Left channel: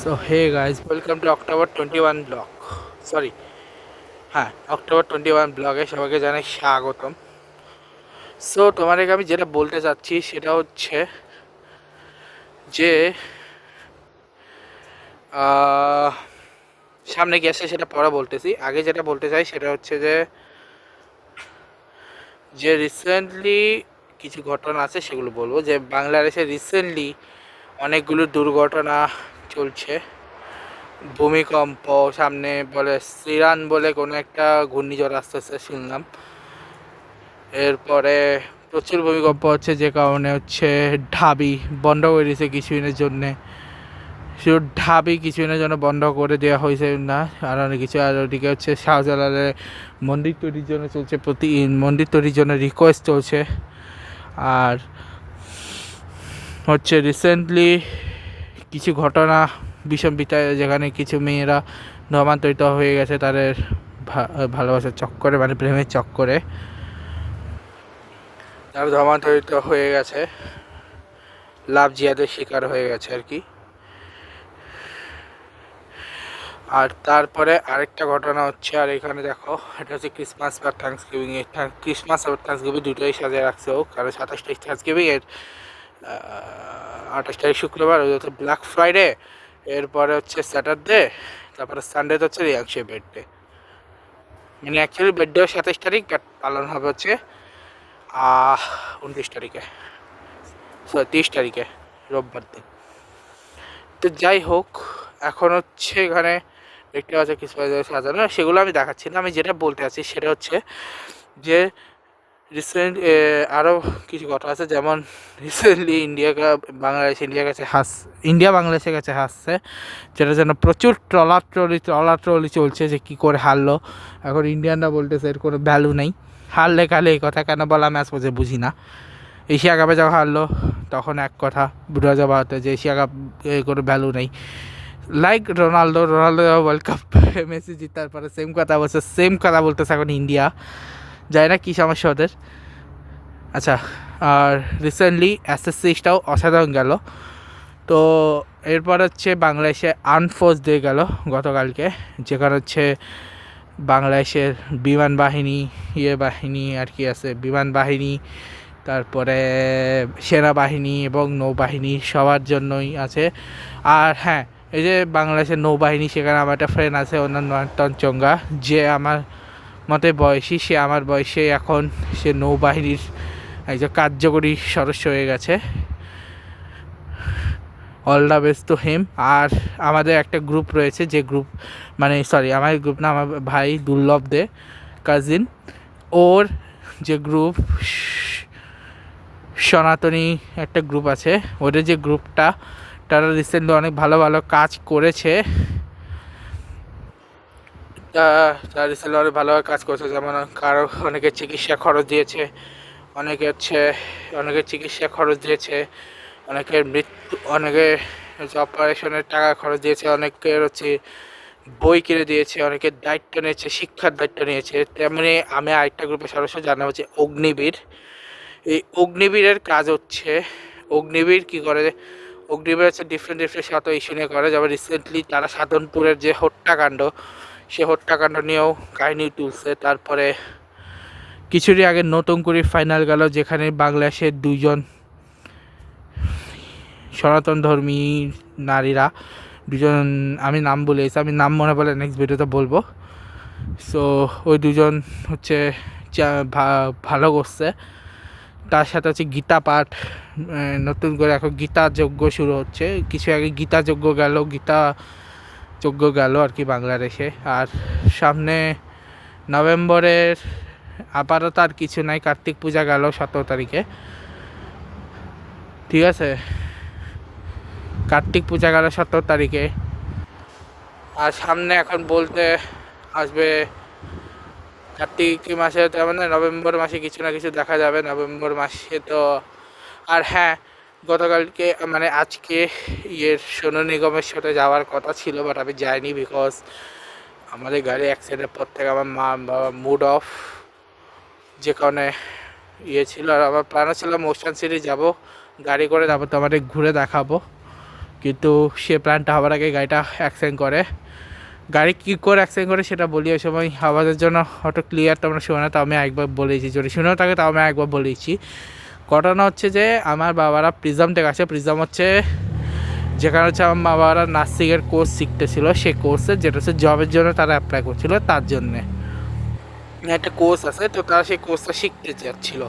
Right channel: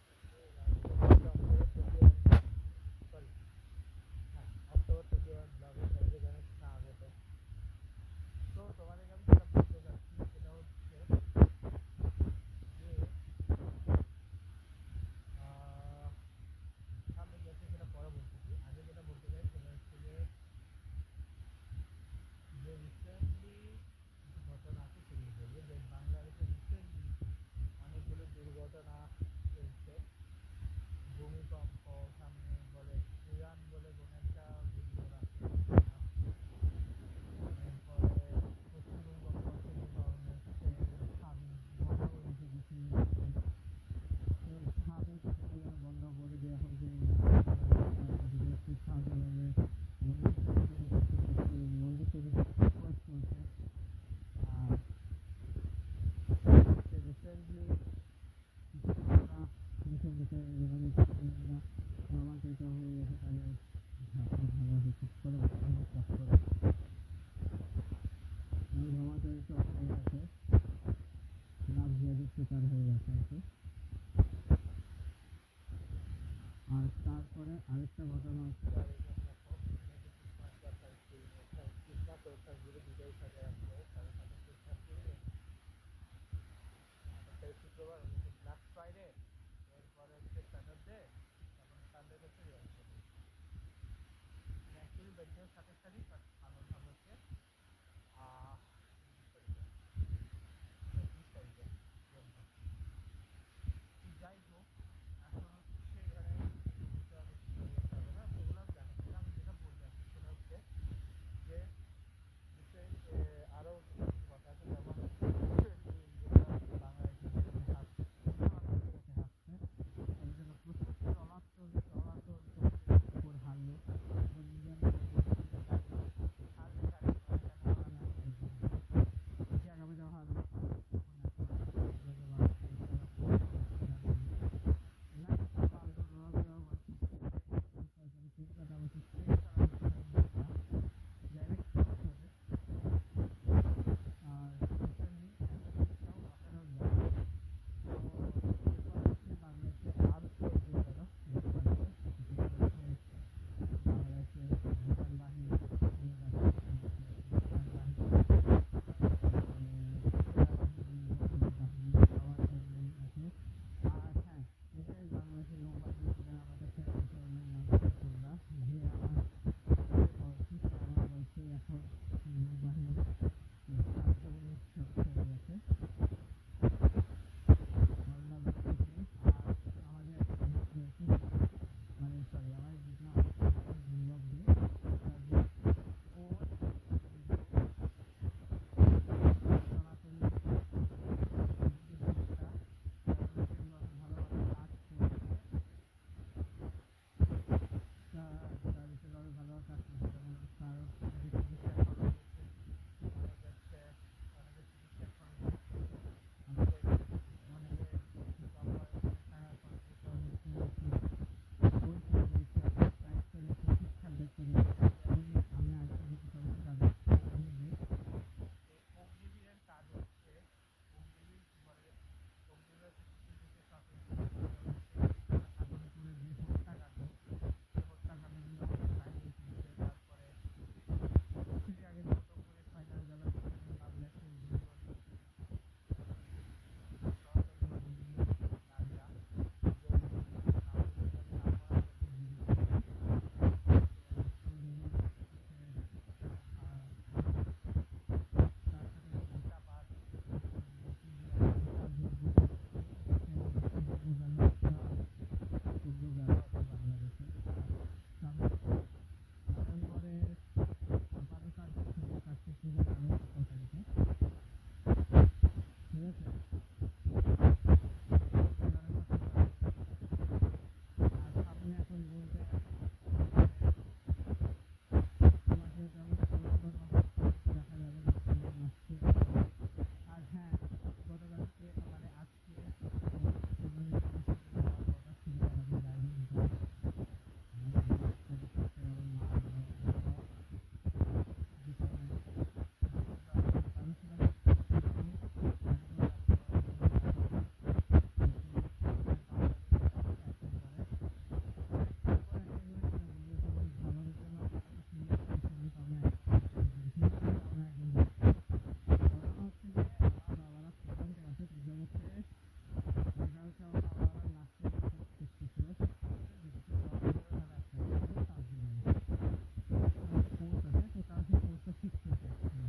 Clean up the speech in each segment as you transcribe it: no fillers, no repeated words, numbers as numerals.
So hey guys, welcome to October 21 blog. Sorry, হ্যাঁ October 21 ব্লগে সবাইকে জানাই স্বাগতম। সো তোমাদেরকে আমি যেটা বলতে চাচ্ছি সেটা হচ্ছে যে সামনে গেছে সেটা পরে বলতেছি। আগে যেটা বলতে চাই সেটা হচ্ছে যে রিসেন্টলি কিছু ঘটনা আছে সেগুলো বলবো। যে বাংলাদেশে রিসেন্টলি অনেকগুলো দুর্ঘটনা চলছে। ভূমিকম্প, সামনে বলে সিরান বলে কোনো একটা ঘূর্ণিঝড় আসতেছে শুনলাম। এরপরে প্রচুর ভূমিকম্প হচ্ছে, যে কারণে হচ্ছে ঢাবি বন্ধ করে দিয়েছে কিছুদিনের জন্যে। শুধু ঢাবি কিছুদিনের জন্য বন্ধ করে দেওয়া হয়েছে না, আর অনেক কিছু। আর ওদিকে হচ্ছে শাহজালালের মন্দির তৈরির জন্য চলছে, মন্দির তৈরির জন্য রিকোয়েস্ট চলছে। আর হচ্ছে রিসেন্টলি কিছু ঘটনা বিষম বিতায়, যেখানে কিছু মেয়েরা ধর্মান্তরিত হয়ে গেছে তাদের ভালোবাসার চক্করে, মানে প্রেমের চক্করে তারা ধর্মান্তরিত হয়ে গেছে, লাভ জিয়াদের শিকার হয়ে গেছে আর কি। আর তারপরে আরেকটা ঘটনা হচ্ছে, আর এখানে দেখো, এটা হচ্ছে ক্রিসমাস বা থ্যাঙ্কসগিভিং এর, ক্রিসমাস আর থ্যাঙ্কসগিভিং দুটোই সাজিয়ে রাখছে ও, কারণ 27 তারিখ থ্যাঙ্কসগিভিং এর, 28 তারিখ শুক্রবার ওই হচ্ছে ব্ল্যাক ফ্রাইডে, এরপরে হচ্ছে স্যাটারডে, তারপরে সানডে হচ্ছে রিয়াংশের বার্থডে। মানে অ্যাকচুয়ালি বার্থডে 27 তারিখ, বাট পালন হবে হচ্ছে 29 তারিখে, 30 তারিখে, রোববার দিন। তো যাই হোক, এখন হচ্ছে এখানে দেখতে পাচ্ছি কিছু সাজানো, সেগুলো আমি দেখাচ্ছি না। আমি যেটা বলতে চাচ্ছি সেটা হচ্ছে যে রিসেন্ট আরও কিছু কথা আছে, যেমন রিসেন্টলি ইন্ডিয়া বাংলাদেশের কাছে হাসছে, যেটা যেন প্রচুর ট্রলাট্রলি চলছে যে কী করে হারলো। এখন ইন্ডিয়ানরা বলতেছে এর কোনো ভ্যালু নেই, হারলে কালে এই কথা কেন বলা ম্যাচ বোঝে বুঝি না। এশিয়া কাপে যখন হারলো তখন এক কথা, 2012-তে, যে এশিয়া কাপ কোনো ভ্যালু নেই। Like Ronaldo World Cup Messi জিতার পরে সেম কথা বলতেছে এখন ইন্ডিয়া। যায় না কী সমস্যা ওদের। আচ্ছা, আর রিসেন্টলি এসএসসিটাও অসাধারণ গেল। তো এরপর হচ্ছে বাংলাদেশে আনফোর্স ডে গেল গতকালকে, যেখানে হচ্ছে বাংলাদেশের বিমান বাহিনী বাহিনী আর কি আছে, বিমান বাহিনী, তারপরে সেনাবাহিনী এবং নৌবাহিনী সবার জন্যই আছে। আর হ্যাঁ, এই যে বাংলাদেশের নৌবাহিনী, সেখানে আমার একটা ফ্রেন্ড আছে, ওর নাম নয়নতন চঙ্গা, যে আমার মতে বয়সী, সে আমার বয়সে এখন সে নৌবাহিনীর একজন কার্যকরী সদস্য হয়ে গেছে। All the best to him. আর আমাদের একটা গ্রুপ রয়েছে, যে গ্রুপ, মানে সরি, আমার গ্রুপ না, আমার ভাই দুর্লভ দে কাজিন, ওর যে গ্রুপ সনাতনী একটা গ্রুপ আছে, ওদের যে গ্রুপটা, তারা রিসেন্টলি অনেক ভালো ভালো কাজ করেছে। তারা রিসেন্টলি অনেক ভালোভাবে কাজ করেছে, যেমন কারো অনেকের চিকিৎসা খরচ দিয়েছে, অনেকের চিকিৎসা খরচ দিয়েছে, অনেকের অপারেশনের টাকা খরচ দিয়েছে, অনেকের হচ্ছে বই কিনে দিয়েছে, অনেকের দায়িত্ব নিয়েছে, শিক্ষার দায়িত্ব নিয়েছে। তেমনি আমি আরেকটা গ্রুপের সদস্য, যার নাম হচ্ছে অগ্নিবীর। এই অগ্নিবীরের কাজ হচ্ছে, অগ্নিবীর কী করে, অগ্নিবীর হচ্ছে ডিফারেন্ট শত ইস্যু নিয়ে করে। যেমন রিসেন্টলি তারা সাধনপুরের যে হত্যাকাণ্ড, সে হত্যাকাণ্ড নিয়েও কাহিনী তুলছে। তারপরে কিছুদিন আগে নতুন করে ফাইনাল গেল, যেখানে বাংলাদেশের দুইজন সনাতন ধর্মী নারীরা, দুজন, আমি নাম বলেছি, আমি নাম মনে পড়লে নেক্সট ভিডিওতে বলবো। সো ওই দুজন হচ্ছে ভালো করছে। তার সাথে হচ্ছে গীতা পাঠ, নতুন করে এখন গীতা যজ্ঞ শুরু হচ্ছে। কিছু আগে গীতা যজ্ঞ গেল আর কি বাংলাদেশে। আর সামনে নভেম্বরের আপাতত আর কিছু নাই, কার্তিক পূজা গেল 17 তারিখে, ঠিক আছে, কার্তিক পূজা গেল 17 তারিখে। আর সামনে এখন বলতে আসবে কার্তিক মাসে, তার মানে নভেম্বর মাসে কিছু না কিছু দেখা যাবে নভেম্বর মাসে। তো আর হ্যাঁ, গতকালকে মানে আজকে সোনু নিগমের সাথে যাওয়ার কথা ছিল, বাট আমি যাইনি, বিকজ আমাদের গাড়ি অ্যাক্সিডেন্টের পর থেকে আমার মা বাবা মুড অফ, যে কারণে ছিল। আর আমার প্ল্যানও ছিল মোশন সিটি যাব গাড়ি করে, তারপর তো আমাদের ঘুরে দেখাবো। কিন্তু সে প্ল্যানটা হওয়ার আগে গাড়িটা অ্যাক্সিডেন্ট করে। গাড়ি কী করে অ্যাক্সিডেন্ট করে সেটা বলি ওই সময় আওয়াজের জন্য অটো ক্লিয়ার তোমরা শোনো না, তাও আমি একবার বলেছি, যদি শুনেও থাকে তাও আমি একবার বলেছি। ঘটনা হচ্ছে যে আমার বাবারা প্রিজম টেক আছে, প্রিজম হচ্ছে যেখানে হচ্ছে আমার বাবারা নার্সিংয়ের কোর্স শিখতেছিল, সেই কোর্সে যেটা হচ্ছে জবের জন্য তারা অ্যাপ্লাই করছিল, তার জন্যে একটা কোর্স আছে, তো তারা সেই কোর্সটা শিখতে যাচ্ছিলো।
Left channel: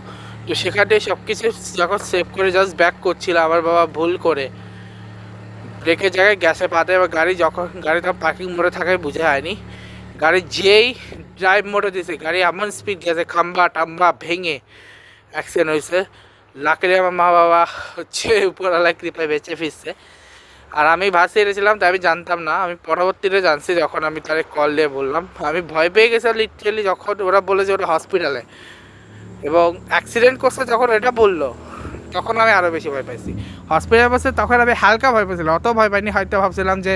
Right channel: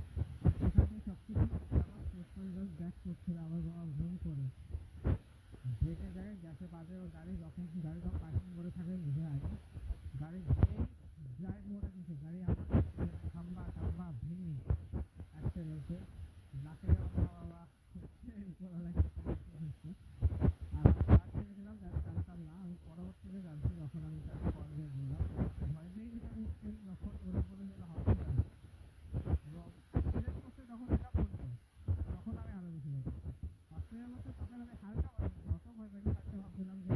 তো সেখানে সব কিছু যখন সেভ করে জাস্ট ব্যাক করছিল, আমার বাবা ভুল করে ব্রেকের জায়গায় গ্যাসে পা দেয়, এবার গাড়ি যখন গাড়িটা পার্কিং মোড়ে থাকায় বুঝে হয়নি, গাড়ি যেই ড্রাইভ মোড়ে দিয়েছে গাড়ি এমন স্পিড গেছে খাম্বা টাম্বা ভেঙে অ্যাক্সিডেন্ট হয়েছে। লাকিলি আমার মা বাবা হচ্ছে উপরওয়ালা কৃপায় বেঁচে ফিরছে। আর আমি ভাসে এসেছিলাম তাই আমি জানতাম না, আমি পরবর্তীতে জানছি যখন আমি তাদের কল দিয়ে বললাম। আমি ভয় পেয়ে গেছিলাম লিটারেলি যখন ওরা বলে যে ওরা হসপিটালে, এবং অ্যাক্সিডেন্ট করছে যখন এটা বললো তখন আমি আরও বেশি ভয় পাইছি। হসপিটালে বসে তখন আমি হালকা ভয় পাইছিলাম, অত ভয় পাইনি, হয়তো ভাবছিলাম যে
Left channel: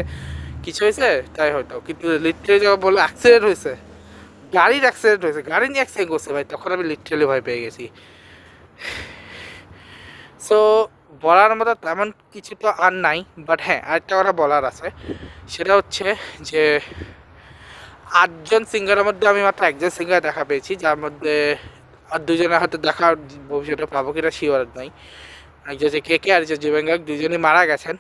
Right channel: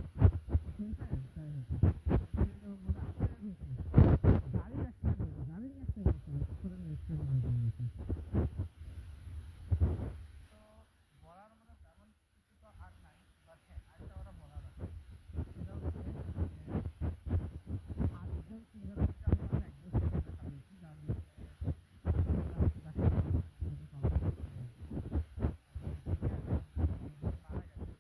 কিছু হয়েছে তাই হয়তো, কিন্তু লিটারেলি যখন বললো অ্যাক্সিডেন্ট হয়েছে, গাড়ির অ্যাক্সিডেন্ট হয়েছে, গাড়ি নিয়ে অ্যাক্সিডেন্ট করছে ভাই, তখন আমি লিটারেলি ভয় পেয়ে গেছি। সো বলার মতো তেমন কিছু তো আর নাই, বাট হ্যাঁ আরেকটা কথা বলার আছে, সেটা হচ্ছে যে 8জন সিঙ্গারের মধ্যে আমি মাত্র একজন সিঙ্গার দেখা পেয়েছি, যার মধ্যে আর দুজনের হাতে দেখা ভবিষ্যতে পাবো কিনা শিওর নাই। একজন যে কে আর যে জুবেঙ্গাক, দুজনই মারা গেছেন।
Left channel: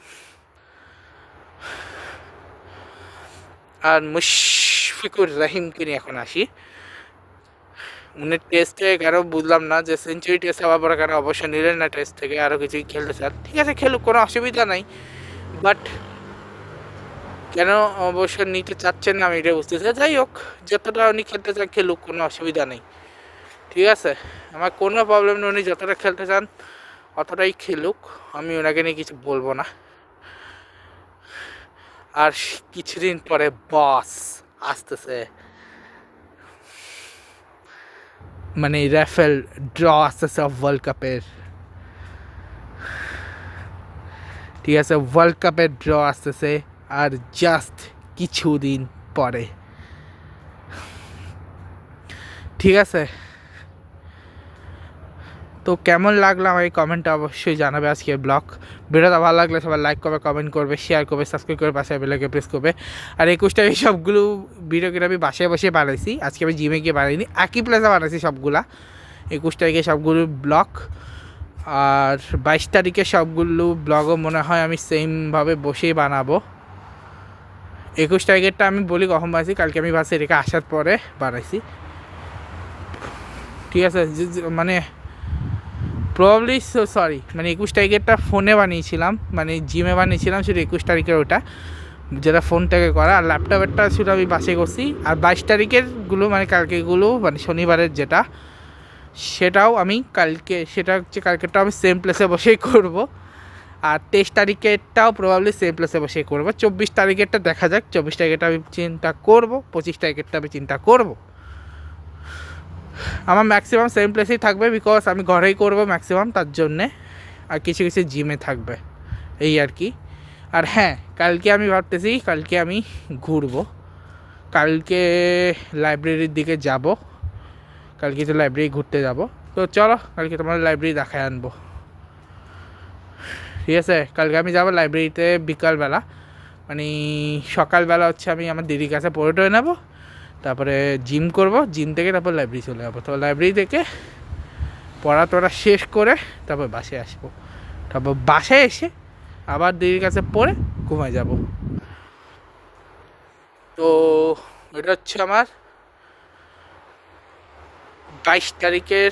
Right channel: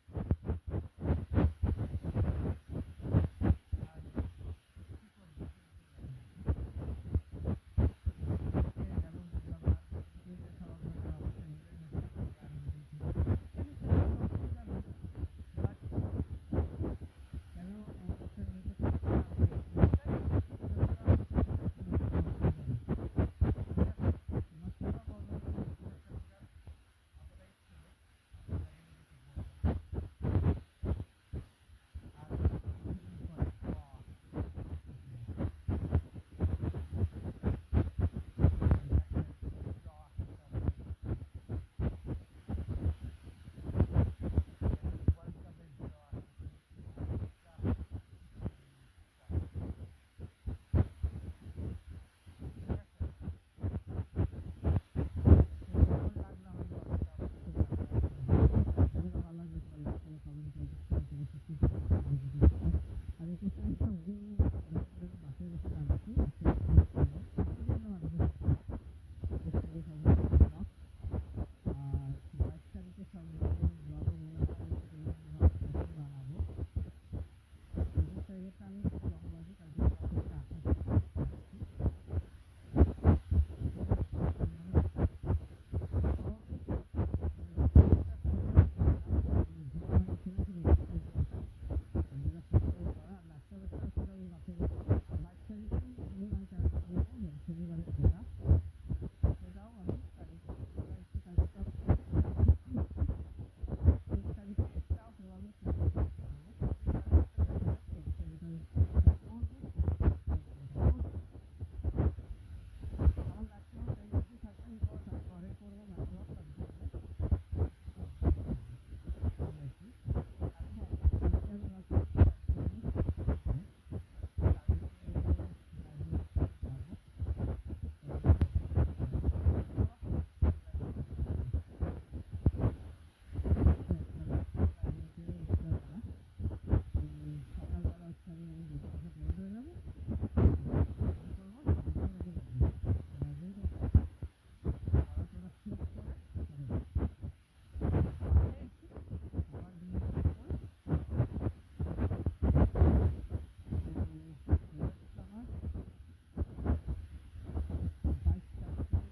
আর মুশফিকুর রহিমকে নিয়ে এখন আসি। উনি টেস্টে কেন বুঝলাম না যে সেঞ্চুরি টেস্ট হওয়ার পরে কেন অবশ্যই নিলেন না টেস্ট থেকে, আরও কিছুই খেলতে চান, ঠিক আছে খেলুক, কোনো অসুবিধা নাই, বাট কেন অবশ্য নিতে চাচ্ছেন না আমি এটা বুঝতেছি। যাই হোক, যতটা উনি খেলতে চান খেলুক, কোনো অসুবিধা নেই, ঠিক আছে, আমার কোনো প্রবলেম নেই, উনি যতটা খেলতে চান অতটাই খেলুক, আমি ওনাকে নিয়ে কিছু বলবো না। আর কিছুদিন পরে বস আসতেছে, মানে রাফেল ড্র আসতেছে ওয়ার্ল্ড কাপের, ঠিক আছে, ওয়ার্ল্ড কাপের ড্র আসতেছে আর জাস্ট কিছুদিন পরে, ঠিক আছে। তো কেমন লাগলো আমার এই কমেন্টটা অবশ্যই জানাবে আজকে ব্লগ। ভিডিওটা ভালো লাগলে সবাই লাইক করবে, কমেন্ট করবে, শেয়ার করবে, সাবস্ক্রাইব করে পাশে বেলাকে প্রেস করবে। আর 21টা এই সবগুলো ভিডিও কিন্তু আমি বাসায় বসে বানাইছি, আজকে আমি জিমে গিয়ে বানাইনি, একই প্লেসে বানাইছি সবগুলা। 21 তারিখে সবগুলো ব্লগ, আর 22 তারিখে সবগুলো ব্লগও মনে হয় আমি সেমভাবে বসেই বানাবো। 21 তারিখেরটা আমি বলি কখন বানাইছি, কালকে আমি বাসে রেখে আসার পরে বানাইছি, ঠিক আছে। মানে প্রবলি সরি, মানে 21 তারিখেরটা ফোনে বানিয়েছিলাম, মানে জিমে বানিয়েছিলাম শুধু 21 তারিখের ওটা, যেটা ফোন থেকে করা, আর ল্যাপটপেরটা শুধু আমি বাসে করছি। আর 22 তারিখেরগুলো মানে কালকেগুলো, মানে শনিবারের যেটা, সেটাও আমি কালকে, সেটা হচ্ছে কালকেরটাও আমি সেম প্লেসে বসেই করব। আর 23 তারিখেরটাও প্রবাবলি সেম প্লেসে বসেই করবো। 24 তারিখেরটা দেখা যাক, 24 তারিখেরটা আমি চিন্তা করব, 25 তারিখেরটা আমি চিন্তা করব। আমার ম্যাক্সিমাম সেম প্লেসেই থাকবে, বিকজ আমি ঘরেই করব ম্যাক্সিমাম, তার জন্যে। আর কিছু কিছু জিমে থাকবে, এই আর কি। আর হ্যাঁ, কালকে আমি ভাবতেছি কালকে আমি ঘুরবো, কালকে লাইব্রেরির দিকে যাব, কালকে তো লাইব্রেরি ঘুরতে যাব। তো চলো কালকে তোমার লাইব্রেরি দেখায় আনবো, ঠিক আছে। কালকে আমি যাবো লাইব্রেরিতে বিকালবেলা, মানে সকালবেলা হচ্ছে আমি আমার দিদির কাছে পড়ে টয়ে নেবো, তারপরে জিম করব, জিম থেকে তারপর লাইব্রেরি চলে যাবো। তো লাইব্রেরি থেকে পড়া টড়া শেষ করে তারপর বাসায় আসবো, তারপর বাসায় এসে আবার দিদির কাছে পড়ে ঘুমায় যাব। তো এটা হচ্ছে আমার 22 তারিখের,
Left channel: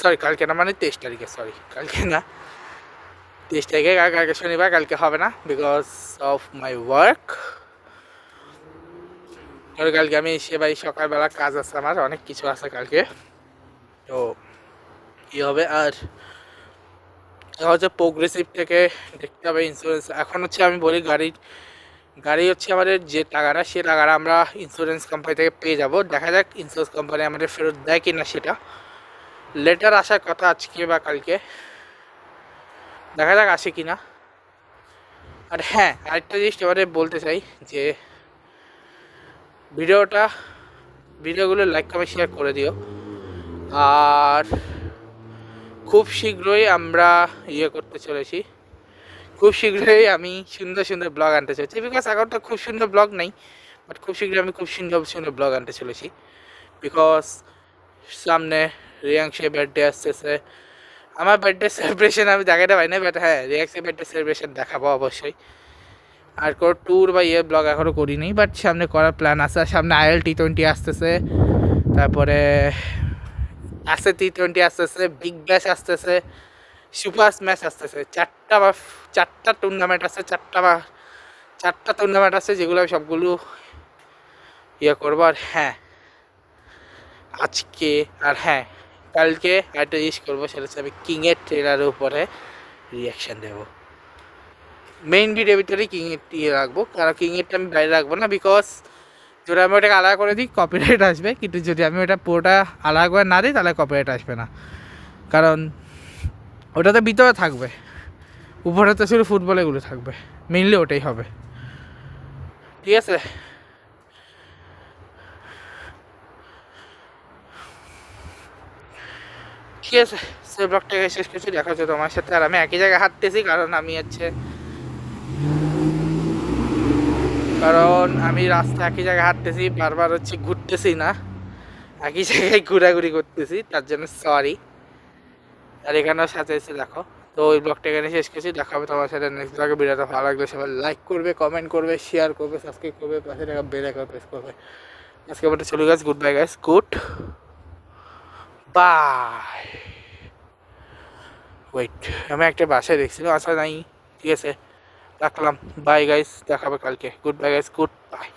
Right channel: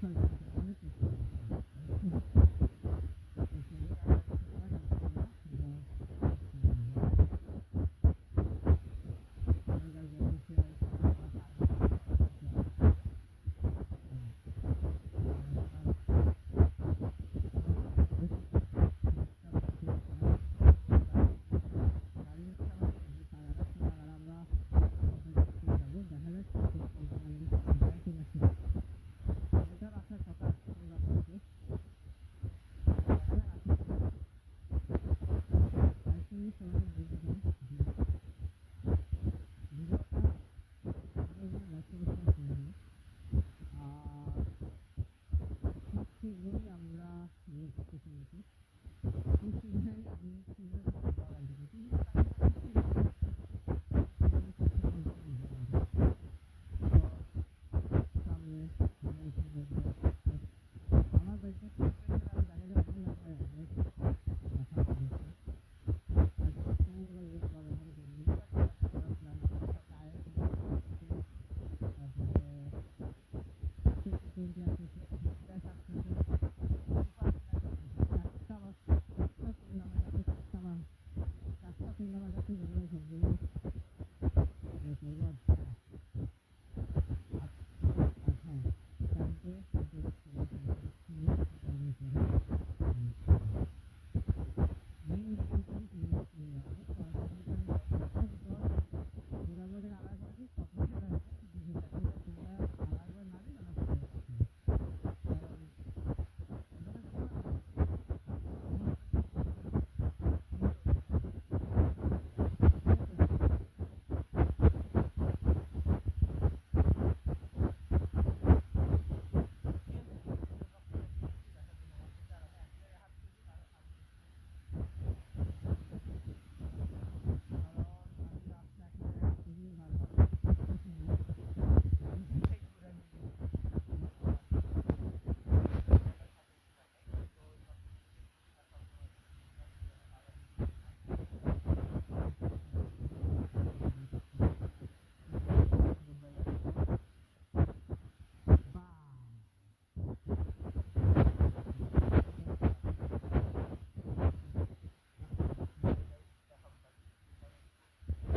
সরি কালকে না, মানে 23 তারিখে, সরি কালকে না, 23 তারিখে, কালকে শনিবার, কালকে হবে না বিকজ অফ মাই ওয়ার্ক। কালকে আমি এসে ভাই সকালবেলা কাজ আছে, আমার অনেক কিছু আছে কালকে, তো কী হবে। আর হচ্ছে প্রোগ্রেসিভ থেকে দেখতে হবে ইন্স্যুরেন্স, এখন হচ্ছে আমি বলি গাড়ি হচ্ছে আমাদের যে টাকাটা, সে টাকাটা আমরা ইন্স্যুরেন্স কোম্পানি থেকে পেয়ে যাব। দেখা যাক ইন্স্যুরেন্স কোম্পানি আমাদের ফেরত দেয় কি না, সেটা লেটার আসার কথা আজকে বা কালকে, দেখা যাক আসে কি না। আর হ্যাঁ, আরেকটা জিনিস এবারে বলতে চাই যে ভিডিওগুলো লাইক কমেন্ট শেয়ার করে দিও, আর খুব শীঘ্রই আমরা করতে চলেছি, খুব শীঘ্রই আমি সুন্দর সুন্দর ব্লগ আনতে চলেছি, বিকজ এখন তো খুব সুন্দর ব্লগ নেই, বাট খুব শীঘ্রই আমি খুব সুন্দর সুন্দর ব্লগ আনতে চলেছি। বিকজ সামনে রিয়াংশের বার্থডে আসতেছে। আমার বার্থডে সেলিব্রেশন আমি জায়গাটা পাই না, বাট হ্যাঁ রিয়াংশের বার্থডে সেলিব্রেশন দেখাবো অবশ্যই। আর কোনো ট্যুর বা ব্লগ এখনও করিনি, বাট সামনে করার প্ল্যান আছে। সামনে IL-T20 আসতেছে, তারপরে আছে T20 আসতেছে, বিগ ব্যাশ আসতেছে, সুপার স্ম্যাশ আসতেছে। চারটা টুর্নামেন্ট আছে, চারটা টুর্নামেন্ট আছে, যেগুলো আমি সবগুলো করবো। আর হ্যাঁ আজকে আর হ্যাঁ কালকে একটা জিনিস করবো, সেটা হচ্ছে আমি কিংয়ের ট্রেলারের উপরে রিয়াকশান দেবো। মেইন ভিডিওর ভিতরে কিংয়ের রাখবো, কারণ কিংয়েরটা আমি বাইরে রাখবো না, বিকজ যদি আমি ওটাকে আলাদা করে দিই কপিরাইট আসবে, কিন্তু যদি আমি ওটা পুরোটা আলাদা করে না দিই তাহলে কপিরাইট আসবে না, কারণ ওটা তো ভিতরে থাকবে, উপরে তো শুধু ফুটবলেগুলো থাকবে, মেইনলি ওটাই হবে। ঠিক আছে, ঠিক আছে, সে ব্লগটাকে শেষ করছি। দেখা হচ্ছে তোমার সাথে। আর আমি একই জায়গায় হাঁটতেছি, কারণ আমি রাস্তা একই জায়গায় হাঁটতেছি, বারবার ঘুরতেছি না, একই জায়গায় ঘোরাঘুরি করতেছি, তার জন্য সরি। আর এখানেও সাথে এসে দেখো। তো ওই ব্লগটা এখানে শেষ করছি, দেখা হবে তোমার সাথে নেক্সট ব্লগে। ভিডিওটা ভালো লাগলে সবাই লাইক করবে, কমেন্ট করবে, শেয়ার করবে, সাবস্ক্রাইব করবে, পাশে থাকা বেল আইকন প্রেস করবে। আজকে আমাদের চলে গেছে, good bye guys, good bye. Wait, আমি একটা বাসায় দেখছিলাম, আসা নাই। ঠিক আছে, রাখলাম, বাই গাইস, দেখা হবে কালকে, good bye guys, good by.